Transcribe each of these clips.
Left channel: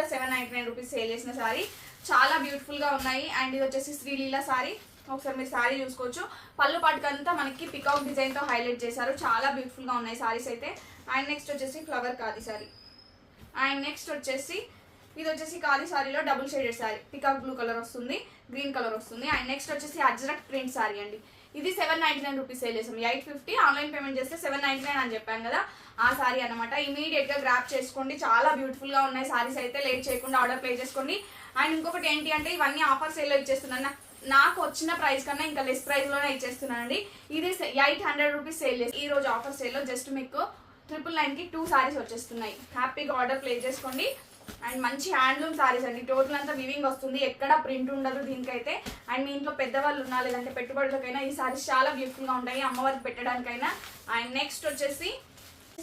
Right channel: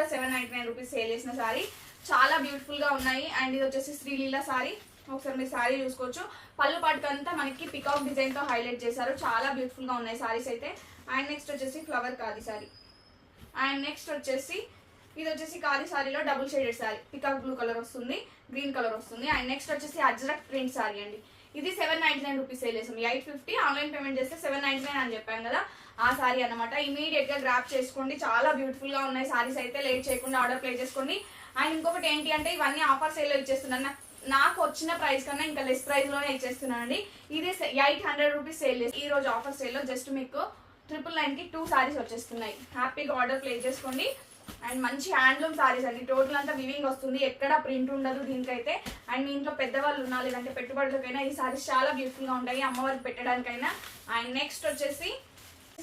799 rupees sale చేసిన sorry చాలా beautiful గా ఉన్నాయి. అండ్ ఇది వచ్చేసి శ్రీలీల సారీ. ఒకసారి మీరు సారీ చూసుకోవచ్చు. పళ్ళు పాటుకంతా మనకి పికాక్ డిజైన్ తో హైలైట్ చేశారు. చాలా బ్యూటిఫుల్ గా ఉన్నాయి సారీస్ అయితే. అండ్ నెక్స్ట్ వచ్చేసి flower khadi sari. And next వచ్చేసి ఇది వచ్చేసి ఖాదీ సారీలో double shaded sari. Peacock blue colour వస్తుంది, గ్రీన్ కలర్ వస్తుంది. అండ్ నెక్స్ట్ వచ్చేసి అజ్రక్ ప్రింట్ సారీ అండి. ఇది 799 రూపీస్ సేల్ చేసాం. 850 ఆన్లైన్ పేమెంట్ చేస్తే 799 అని చెప్పాను కదా, ఆ సారీ అనమాట. ఇమీడియట్ గా గ్రాప్ చేసుకోండి. చాలా బ్యూటిఫుల్ గా ఉన్నాయి సారీస్ అయితే. లేట్ చేయకుండా ఆర్డర్ ప్లేస్ చేసుకోండి. అండ్ ఇంకొకటి ఏంటి అంటే ఇవన్నీ ఆఫర్ సేల్ లో ఇచ్చేస్తున్నాను. నాకు వచ్చిన ప్రైస్ కన్నా ఇంకా లెస్ ప్రైస్ లోనే ఇచ్చేస్తున్నానండి. ఇది 800 రూపీస్ సేల్ చేసి ఈ రోజు ఆఫర్ సేల్ లో జస్ట్ మీకు 999 కి 2 సారీస్ వచ్చేస్తున్నాయి. హ్యాపీగా ఆర్డర్ ప్లేస్ చేసుకోండి. అండ్ మంచి హ్యాండ్లూమ్ సారీస్ అండి. టోటల్ అంతా వివింగ్ వస్తుంది, ఎక్కడ ప్రింట్ ఉండదు దీనికైతే. అండ్ మీ ఇంట్లో పెద్దవాళ్ళు ఉన్నా లేదంటే పెట్టుబడులకైనా ఈ సారీస్ చాలా బ్యూటిఫుల్ గా ఉంటాయి, అమ్మవారికి పెట్టడానికైనా. అండ్ నెక్స్ట్ వచ్చేసి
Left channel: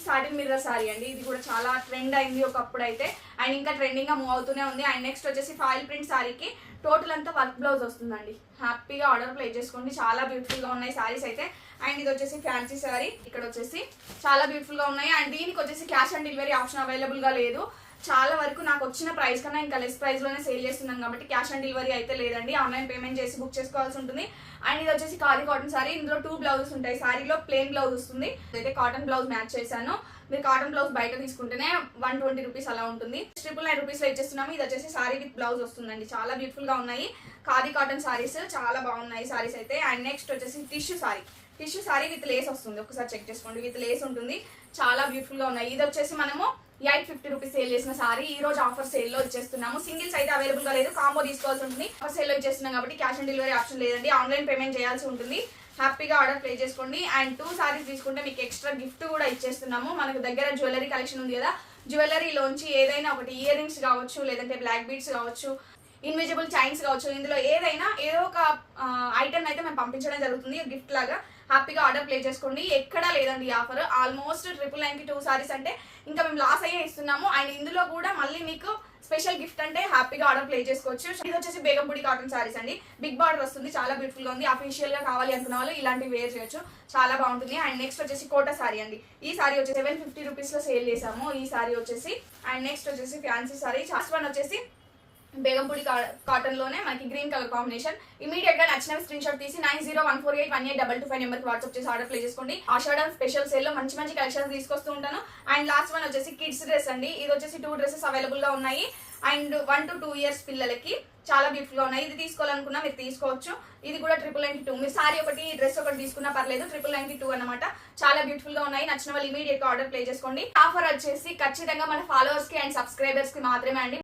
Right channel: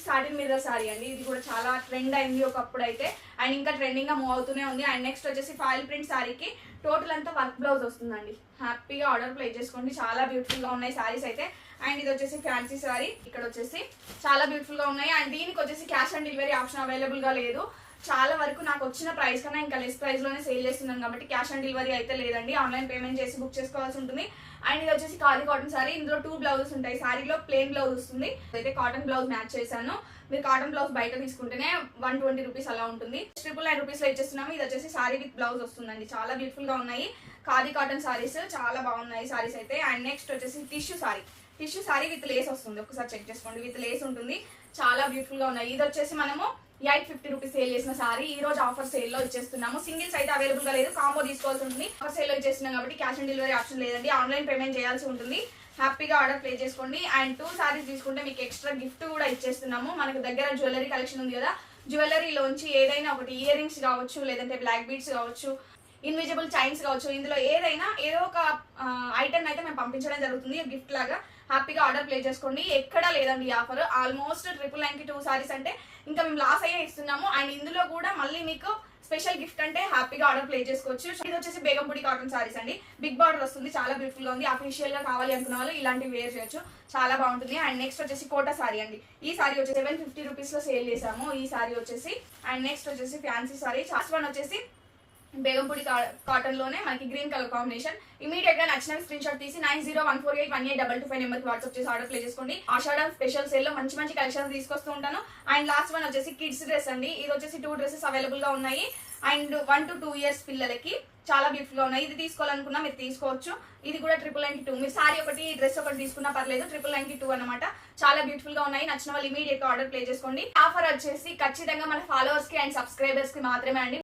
సాటిన్ మిర్రర్ సారీ అండి. ఇది కూడా చాలా ట్రెండ్ అయింది ఒకప్పుడు అయితే, అండ్ ఇంకా ట్రెండింగ్ గా మూవ్ అవుతూనే ఉంది. అండ్ నెక్స్ట్ వచ్చేసి ఫాయిల్ ప్రింట్ సారీకి టోటల్ అంతా వర్క్ బ్లౌజ్ వస్తుందండి. హ్యాపీగా ఆర్డర్ ప్లేస్ చేసుకోండి. చాలా బ్యూటిఫుల్ గా ఉన్నాయి సారీస్ అయితే. అండ్ ఇది వచ్చేసి ఫ్యాన్సీ సారీ. ఇక్కడ వచ్చేసి చాలా బ్యూటిఫుల్ గా ఉన్నాయి. అండ్ దీనికి వచ్చేసి cash on delivery option available గా లేదు. చాలా వరకు నాకు వచ్చిన ప్రైస్ కన్నా ఇంకా లెస్ ప్రైస్ లోనే సేల్ చేస్తున్నాను కాబట్టి క్యాష్ ఆన్ డెలివరీ అయితే లేదండి. ఆన్లైన్ పేమెంట్ చేసి బుక్ చేసుకోవాల్సి ఉంటుంది. అండ్ ఇది వచ్చేసి ఖాదీ కాటన్ సారీ. ఇందులో 2 బ్లౌజెస్ ఉంటాయి. సారీలో ప్లెయిన్ బ్లౌజ్ వస్తుంది. అయితే కాటన్ బ్లౌజ్ మ్యాచ్ చేశాను. మీరు కాటన్ బ్లౌజ్ బయట తీసుకుంటేనే 120 రూపీస్ అలా ఉంటుంది. 999 రూపీస్ లో ఇచ్చేస్తున్నాము. ఇది వచ్చేసి సారీ విత్ బ్లౌజ్ వస్తుందండి. చాలా బ్యూటిఫుల్ గా ఉన్నాయి ఖాదీ కాటన్ సారీస్. చాలా బాగున్నాయి సారీస్ అయితే. అండ్ నెక్స్ట్ వచ్చేసి tissue sorry. Tissue sorry with lace వస్తుంది. ఒకసారి చెక్ చేసుకోండి. విత్ లేస్ ఉంటుంది. చాలా బ్యూటిఫుల్ గా ఉన్నాయి. ఇది వచ్చేసి మనము 850 రూపీస్ సేల్ చేసిన సారీ ఈ రోజు ఆఫర్ సేల్ లో ఇచ్చేస్తున్నాము. సింగిల్స్ అయితే అవైలబుల్ గా లేదు, కాంబో తీసుకోవాల్సి ఉంటుంది. ఆఫర్ సేల్ లో ఇచ్చేస్తున్నాం కాబట్టి క్యాష్ ఆన్ డెలివరీ ఆప్షన్ లేదండి. ఆన్లైన్ పేమెంట్ చేయాల్సి ఉంటుంది. హ్యాపీగా ఆర్డర్ ప్లే చేసుకోండి. అండ్ 2 సారీస్ తీసుకుంటే మీకు ఎక్స్ట్రా గిఫ్ట్ కూడా ఇచ్చేస్తున్నాము. మనకు దగ్గర జ్యువెలరీ కలెక్షన్ ఉంది కదా, జ్యువెలరీలోంచి ఏదైనా ఒకటి ఇయర్ రింగ్స్ కావచ్చు, లేదంటే బ్లాక్ బీడ్స్ కావచ్చు, ఇన్విజిబుల్ చైన్స్ కావచ్చు, ఇందులో ఏదైనా ఏదో ఒక ఐటమ్ అయితే మేము పంపించడం జరుగుతుంది గిఫ్ట్ లాగా. హ్యాపీగా ఆర్డర్ ప్లేస్ చేసుకోండి. ఎక్కడా లేదండి ఈ ఆఫర్. ఆల్మోస్ట్ 999 కి 2 సారీస్ అంటే ఇంకా మేము లాస్ అయ్యే ఇస్తున్నాము. అండ్ ఇందులో కూడా మళ్ళీ మీకు స్పెషల్ గిఫ్ట్ అంటే హ్యాపీగా ఆర్డర్ ప్లేస్ చేసుకోవచ్చు. ఇది వచ్చేసి బేగంపూడి కాటన్ సారీస్ అండి. బిగ్ బార్డర్ వస్తుంది. చాలా బ్యూటిఫుల్ గా ఉంది. అఫీషియల్ గా కావాలి అనుకున్న వాళ్ళు ఇలాంటివి వేర్ చేయొచ్చు. చాలా బాగుంటుంది. అండ్ నెక్స్ట్ వచ్చేసి కోటా సారీ అండి. ఈ సారీ వచ్చేసి 750 రూపీస్ లో సేల్ చేసాము ఈ సారీ వచ్చేసి. అండ్ నెక్స్ట్ వచ్చేసి ఫ్యాన్సీ సారీ. లాస్ట్ వన్ వచ్చేసి బేగంపూడి కాటన్ లోనే మనకి గ్రీన్ కలర్ కాంబినేషన్. ఇమీడియట్ గా నచ్చిన స్క్రీన్ షాట్ తీసి 9014818225 నెంబర్ కి వాట్సాప్ చేసి ఆర్డర్ ప్లేస్ చేసుకోండి. ఆషాఢం స్పెషల్ సేల్ లో మంచి మంచి కలెక్షన్స్ తీసుకొస్తూ ఉంటాను. అండ్ లాస్ట్ వన్ వచ్చేసి కిడ్స్ డ్రెస్ అండి. ఇది వచ్చేసి 2 డ్రెస్సెస్ అవైలబుల్ గా ఉన్నాయి. అండ్ 1 to 2 ఇయర్స్ పిల్లలకి చాలా బ్యూటిఫుల్ గా ఉన్నాయి. ఇది తీసుకోవాలనుకున్నా మీరు తీసుకోవచ్చు. ఇది కూడా 999 2. మీరు సారీ ఒకటి డ్రెస్ ఒకటి తీసుకున్నా పర్లేదు. 999 2 అనమాట. చాలా బ్యూటిఫుల్ గా ఉన్నాయి. నచ్చిన వాళ్ళు ఇమీడియట్ గా ఆర్డర్ ప్లేస్ చేసుకోండి. ఆఫర్ వచ్చేసి ఖచ్చితంగా మన ఫాలోవర్స్ కి అండ్ సబ్స్క్రైబర్స్ కి మాత్రమే అండి.